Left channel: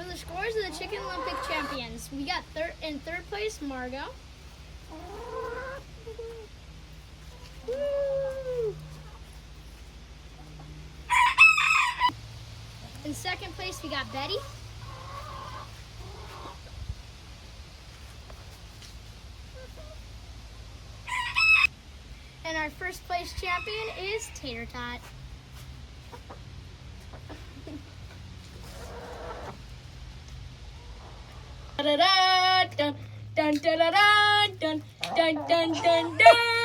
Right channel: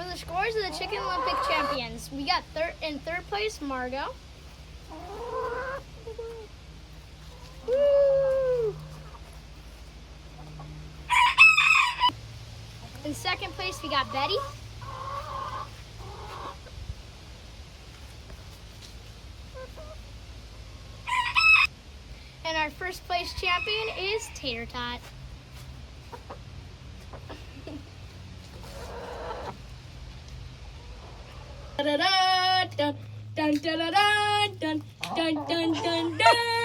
For the scores of the Chicken Olympic champions, we got in third place, Margot. Woo! In second place, we got Betty. And our first place champion is Tater Tot. Dun dun dun dun dun dun dun dun dun dun.